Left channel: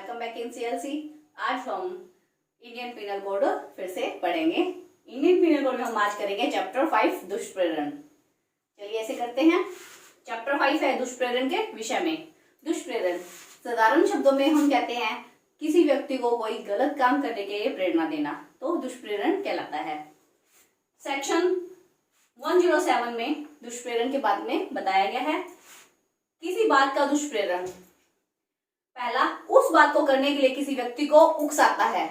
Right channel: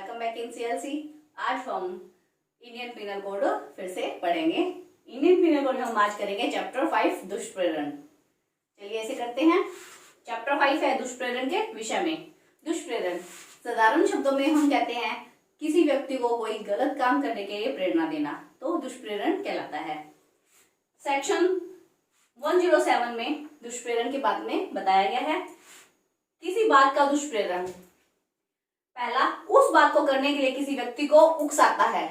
Welcome back in CLC. आज हम Indian penal code फिर से पढ़ेंगे। इंडियन पिनल कोड में हम आज करेंगे चैप्टर 5 दुष्प्रेरण। चलिए ऐसे करते हैं। चैप्टर 5 है दुष्प्रेरण के विषय में। दुष्प्रेरण साधारण शब्दों में हम कहते हैं किसी व्यक्ति को कोई गलत काम करने के लिए प्रेरणा देना, तो दुष्प्रेरण कहलाता है। सेक्शन 107 में दुष्प्रेरण के बारे में बताया गया है। किसी बात का दुष्प्रेरण, पहला, उस बात को करने के लिए किसी व्यक्ति को उकसाता है।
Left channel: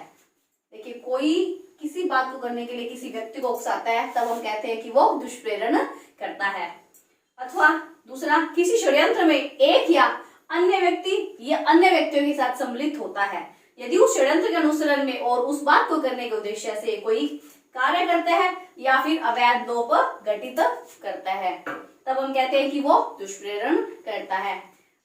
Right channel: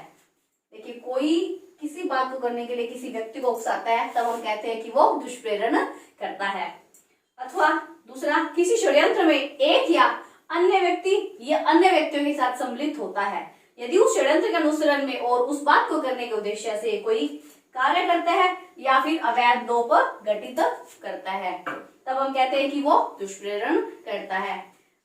देखिए, कोई किसी बात को करने के लिए किसी व्यक्ति को उकसाता है, तब हम कहते हैं कि वो दुष्प्रेरण करता है। अथवा दूसरा, किसी षड्यंत्र में एक या अन्य व्यक्ति या अन्य व्यक्तियों के साथ सम्मिलित होता है। यदि उस षड्यंत्र के अनुसरण में और उस बात को करने के उद्देश्य से कोई कार्य करता है या फिर अवैध लोप घटित करता है, तब हम कहते हैं कि वो दुष्प्रेरण करता है।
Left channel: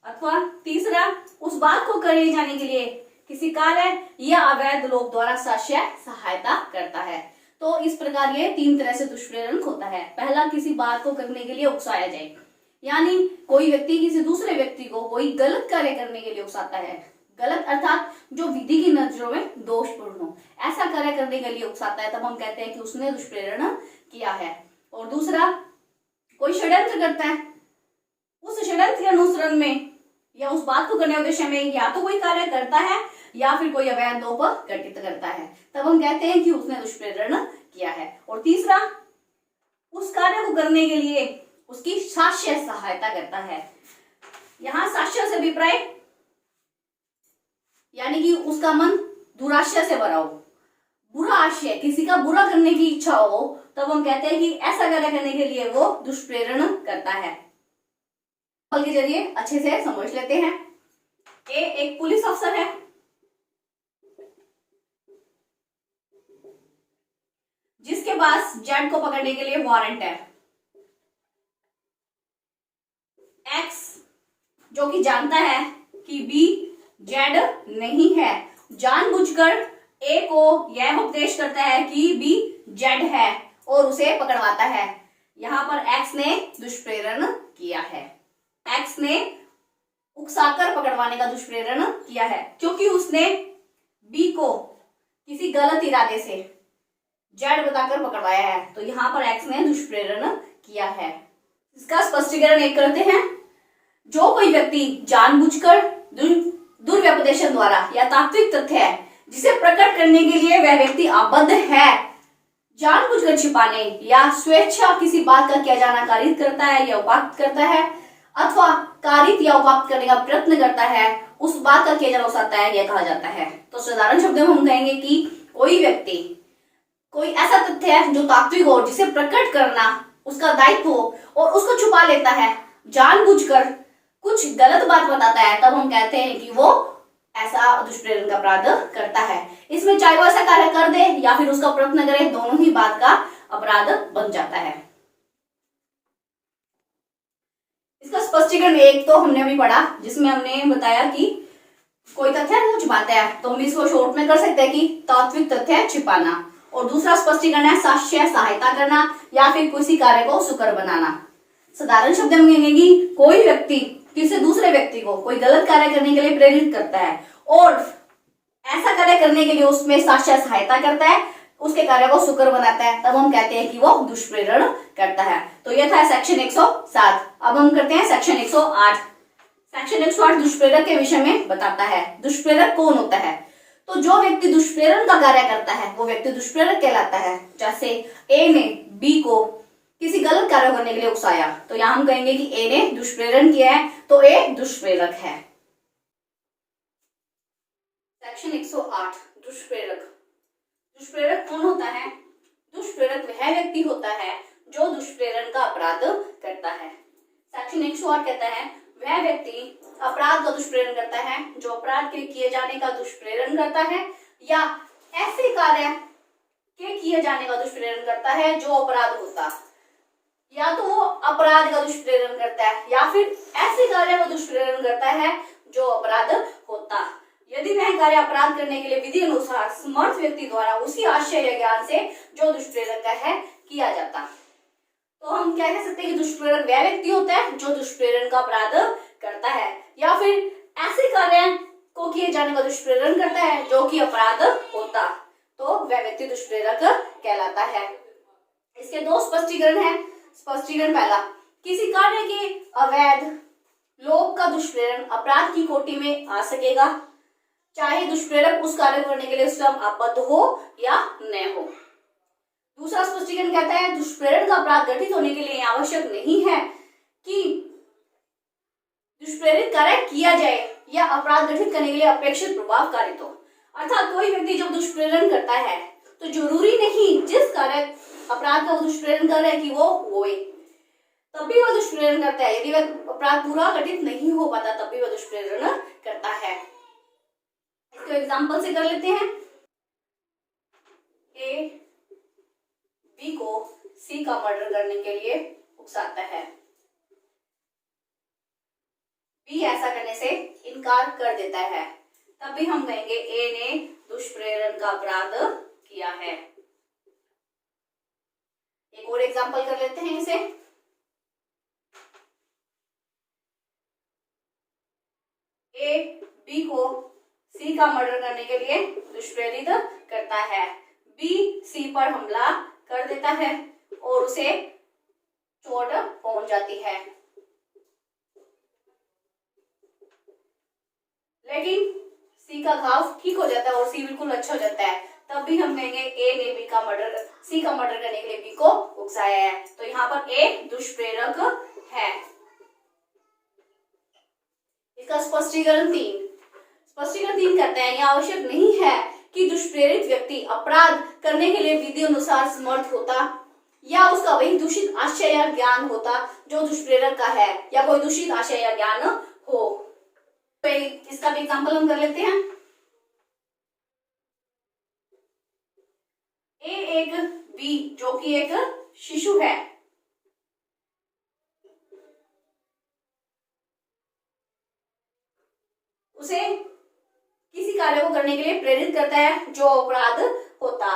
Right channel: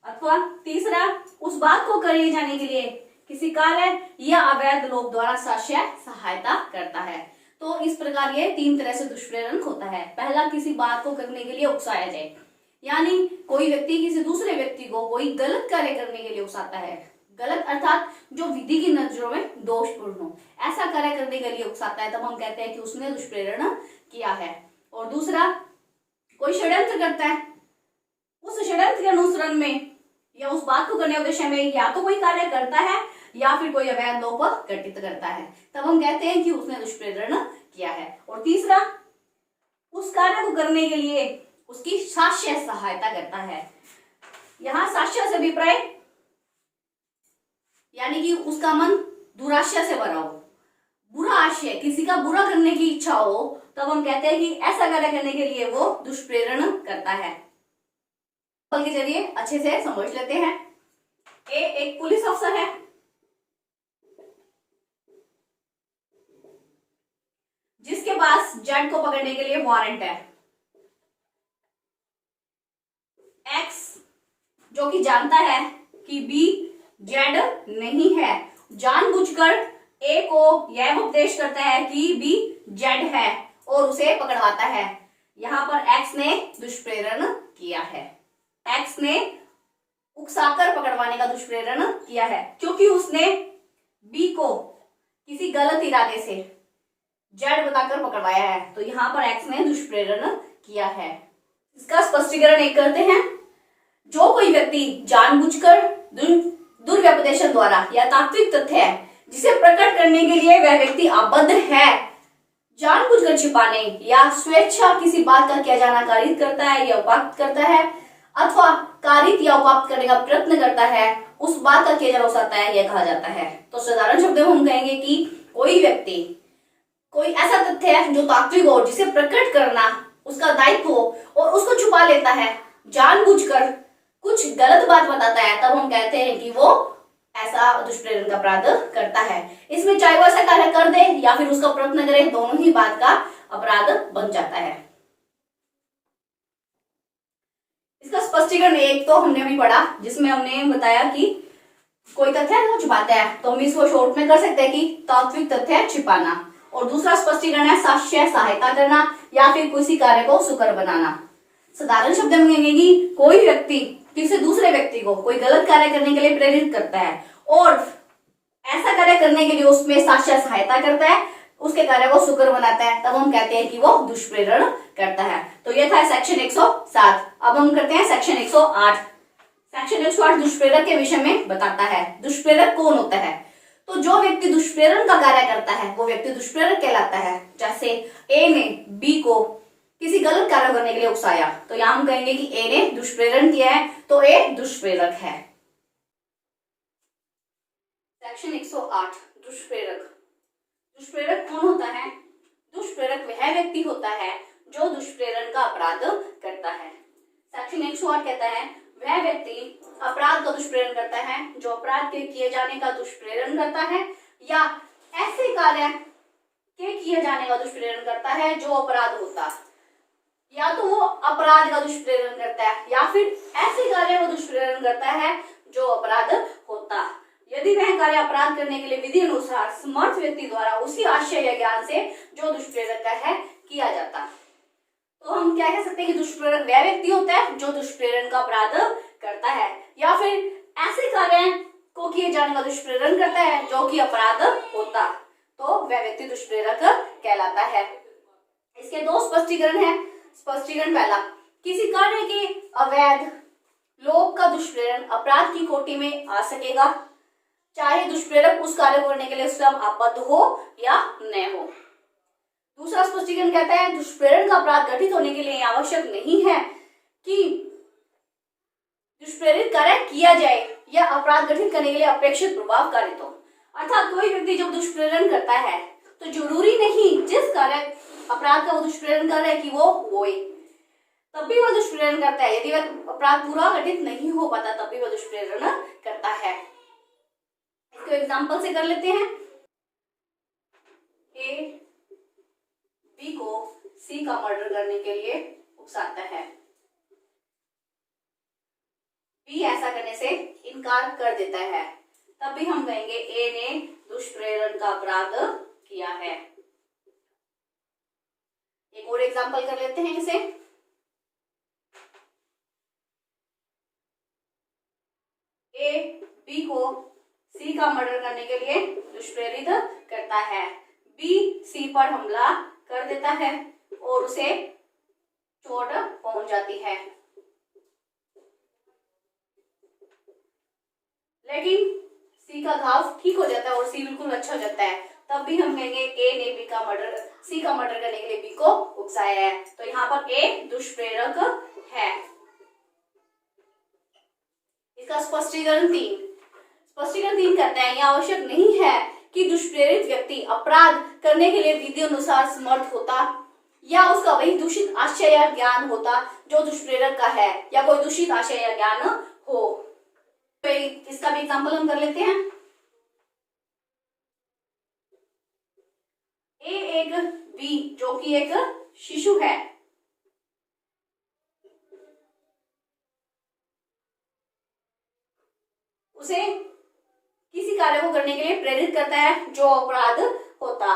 अथवा तीसरा, उस बात को करे जाने के लिए किसी कार्य या अवैध लोक द्वारा साक्ष्य सहायता करता है। तो इस प्रकार ये तीन तरह से दुष्प्रेरण होता है। पहला, किसी बात को करने के लिए उकसाया जाए, यानी कोई व्यक्ति किसी दूसरे व्यक्ति को कोई गलत कार्य करने के लिए उकसाता है। गलत अर्थात जो विधि की नजरों में दोषपूर्ण हो, ऐसा कार्य करने के लिए उकसाता है, तब हम कहते हैं कि उसने दुष्प्रेरण किया है। और दूसरा, कोई षड्यंत्र करता है, उस षड्यंत्र के अनुसरण में या उस बात को करने उद्देश्य में या तो कोई कार्य करता है या फिर कोई अवैध लोप घटित करता है, तब हम कहते हैं कि उसने दुष्प्रेरण किया है। और तीसरा, उस कार्य को करने के लिए उसकी साक्ष्य सहायता करता है। यहाँ साक्ष्य से अभिप्राय यानी कि उसका मन दुराशय से भरा हो, बुरा आशय, किसी का बुरा करने की इच्छा हो, तब हम कहते हैं कि ऐसा कार्य करने के लिए वो दुष्प्रेरण करता है। के जरिए अच्छे से समझ लेते हैं। ए एक पुलिस अफसर है जिसके पास जेड को पकड़ने के लिए वारंट है। एक्स जो कि जानता है कि बी जेड नहीं है, जानबूझकर ए को यह उपदेश करता है कि बी जेड है और उसे पकड़वाता है। यहां पर एक्स ने दुष्प्रेरण किया है। एक्स ने उकसाकर पकड़वाने का दुष्प्रेरण किया है, क्योंकि उसने बी को किसी गलत इरादे से जेड बताकर पकड़वाया है, तो यहां पर एक्स ने दुष्प्रेरण किया है। इसका स्पष्टीकरण एक करते हैं। जो कोई व्यक्ति जानबूझकर दुर्व्यपदेशन द्वारा या तात्विक तथ्य है जिसे प्रकट करने के लिए वह व्यक्ति आबद्ध है, जानबूझकर छिपाने या स्वेच्छा किसी बात का किया जाना कारित करता है या उपाक्त करता है अथवा कारित या उपाक्त करने का प्रयत्न करता है, उस बात का किया जाना उकसाता है, यह कहा जाता है। तो साधारण शब्दों में हम कहेंगे कि कोई व्यक्ति कोई ऐसा तथ्य है जो तात्विक हो, जिसे प्रकट करना उसका दायित्व हो और उसको छुपा लेता है, जानबूझकर कुछ गलत बात बताता है, तब हम कहते हैं कि वो ऐसा दुष्प्रेरण का अपराध करता है। इसमें चाहे वो ऐसा कार्य कर दे या फिर उसका प्रयत्न करे, दोनों ही बात का अपराध बन जाता है। इसका स्पष्टीकरण एक तो हमने अभी पढ़ा, जिसमें हमने बताया कि कोई तथ्य छुपाता है, तो हम इसको शॉर्ट में कर सकते हैं कि तात्विक तथ्य छिपाना। और दूसरा स्पष्टीकरण है साक्ष्य सहायता करना या फिर किसी कार्य को सुकर बनाना। साधारण शब्द में कहेंगे कि कोई व्यक्ति किसी दूसरे व्यक्ति को कोई गलत कार्य करने के लिए प्रेरित करता है और ऐसा कार्य करने के लिए उसमें साक्ष्य सहायता करता है, उसके कार्य को सुकर बनाता है, तब हम कहते हैं कि वो दुष्प्रेरण करता है। तो यह था सेक्शन 107। अब हम करते हैं सेक्शन 108। सेक्शन 108 दुष्प्रेरक के विषय में बताता है। दुष्प्रेरक कौन होता है? तो जो व्यक्ति दुष्प्रेरण का कार्य करता है वो व्यक्ति दुष्प्रेरक कहलाता है। जैसे ए ने बी को किसी गलत कार्य करने के लिए उकसाया, तो यहां हम कहेंगे कि ए ने दुष्प्रेरण किया है, तो ए दुष्प्रेरक है। सेक्शन 108 दुष्प्रेरक। दुष्प्रेरक कौन होता है? दुष्प्रेरक वह व्यक्ति होता है जो दुष्प्रेरण का अपराध करता है। सेक्शन 108 कहता है वह व्यक्ति अपराध का दुष्प्रेरण करता है जो अपराध के किए जाने का दुष्प्रेरण करता है या ऐसे कार्य के किए जाने का दुष्प्रेरण करता है जो अपराध होता, या तो वो अपराध का दुष्प्रेरण करता है या फिर ऐसे कार्य का दुष्प्रेरण करता है जो अपराध होता। यदि वह कार्य अपराध करने के लिए विधि अनुसार समर्थ व्यक्ति द्वारा उसी आशय या ज्ञान से जो दुष्प्रेरक का है किया जाता, तो हम क्या कह सकते हैं कि दुष्प्रेरक वह व्यक्ति होता है जो दुष्प्रेरण का अपराध करता है या फिर ऐसे कार्य को किए जाने का दुष्प्रेरण करता है जो कि अपराध होता, तो वह व्यक्ति दुष्प्रेरक कहलाता है। इसके दो स्पष्टीकरण हैं। स्पष्टीकरण पहला, किसी कार्य के अवैध लोभ का दुष्प्रेरण अपराध की कोटि में आ सकेगा, चाहे दुष्प्रेरक उस कार्य को करने के लिए स्वयं आबद्ध हो या न हो। दूसरा स्पष्टीकरण कहता है, दुष्प्रेरण का अपराध घटित होने के लिए आवश्यक नहीं है कि दुष्प्रेरित कार्य किया जाए या अपराध घटित करने के लिए अपेक्षित प्रभाव कारित हो। अर्थात कोई व्यक्ति जब दुष्प्रेरण करता है तो जरूरी नहीं जिस कार्य अपराध का वो दुष्प्रेरण कर रहा है कि वो होए, तब भी वह दुष्प्रेरण करता है। यदि वह अपराध पूरा घटित नहीं हो पाता तब भी वह दुष्प्रेरण करता है। इसको एग्जांपल से कर लेते हैं। ए बी को सी का मर्डर करने के लिए उकसाता है, बी ऐसा करने से इनकार कर देता है, तब भी हम कहेंगे ए ने दुष्प्रेरण का अपराध किया है। एक और एग्जांपल कर लेते हैं इसे। ए बी को सी का मर्डर करने के लिए दुष्प्रेरित करता है, बी सी पर हमला कर देता है और उसे चोट पहुंच जाती है, लेकिन सी का घाव ठीक हो जाता है और सी बिल्कुल अच्छा हो जाता है, तब भी हम कहेंगे ए ने बी का मर्डर सी का मर्डर करने के लिए बी को उकसाया है, तो यहाँ पर ए दुष्प्रेरक है। इसका स्पष्टीकरण 3। स्पष्टीकरण 3 कहते हैं, यह आवश्यक नहीं है कि दुष्प्रेरित व्यक्ति अपराध करने के लिए विधि अनुसार समर्थ होता या उसका वही दूषित आशय या ज्ञान होता जो दुष्प्रेरक का है, या कोई दूषित आशय या ज्ञान हो। तो इसका भी एग्जांपल हम कर लेते हैं। ए एक बी जो कि एक शिशु है, उसे किसी कार्य को करने के लिए प्रेरित करता है जो अपराध होता।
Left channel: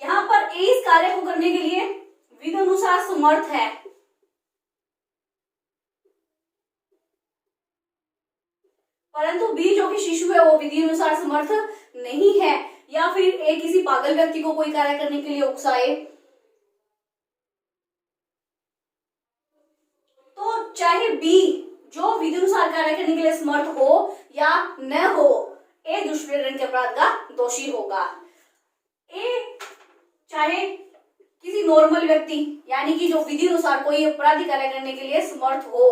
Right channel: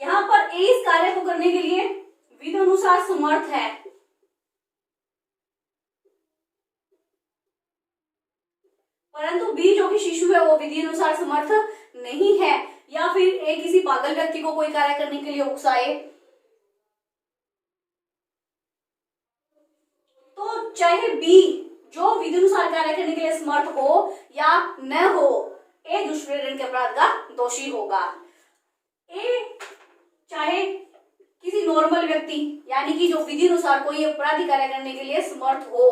यहाँ पर ए इस कार्य को करने के लिए विधि अनुसार समर्थ है, परंतु बी जो कि शिशु है वो विधि अनुसार समर्थ नहीं है, या फिर ए किसी पागल व्यक्ति को कोई कार्य करने के लिए उकसाए, तो चाहे बी जो विधि अनुसार कार्य करने के लिए समर्थ हो या न हो, ए दुष्प्रेरण के अपराध का दोषी होगा। ए चाहे किसी नॉर्मल व्यक्ति यानी कि जो विधि अनुसार कोई अपराधी कार्य करने के लिए समर्थ हो,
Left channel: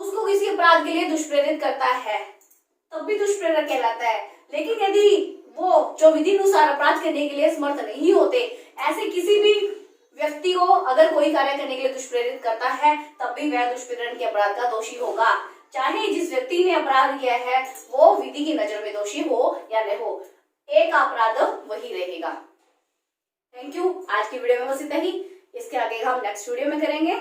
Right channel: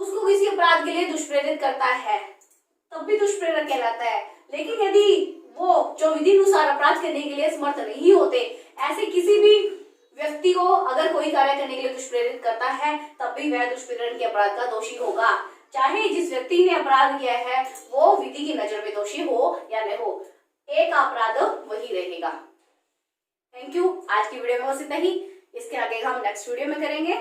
उसको किसी अपराध के लिए दुष्प्रेरित करता है, तब भी दुष्प्रेरक कहलाता है। लेकिन यदि वो जो विधि अनुसार अपराध करने के लिए समर्थ नहीं होते, ऐसे किसी भी व्यक्ति को अगर कोई कार्य करने के लिए दुष्प्रेरित करता है, तब भी वह दुष्प्रेरण के अपराध का दोषी होगा, चाहे जिस व्यक्ति ने अपराध किया है वो विधि की नजर में दोषी हो या न हो, एक अपराध वही रहेगा। Thank you. आज की वीडियो में बस इतना ही, इसके आगे हम नेक्स्ट वीडियो में करेंगे।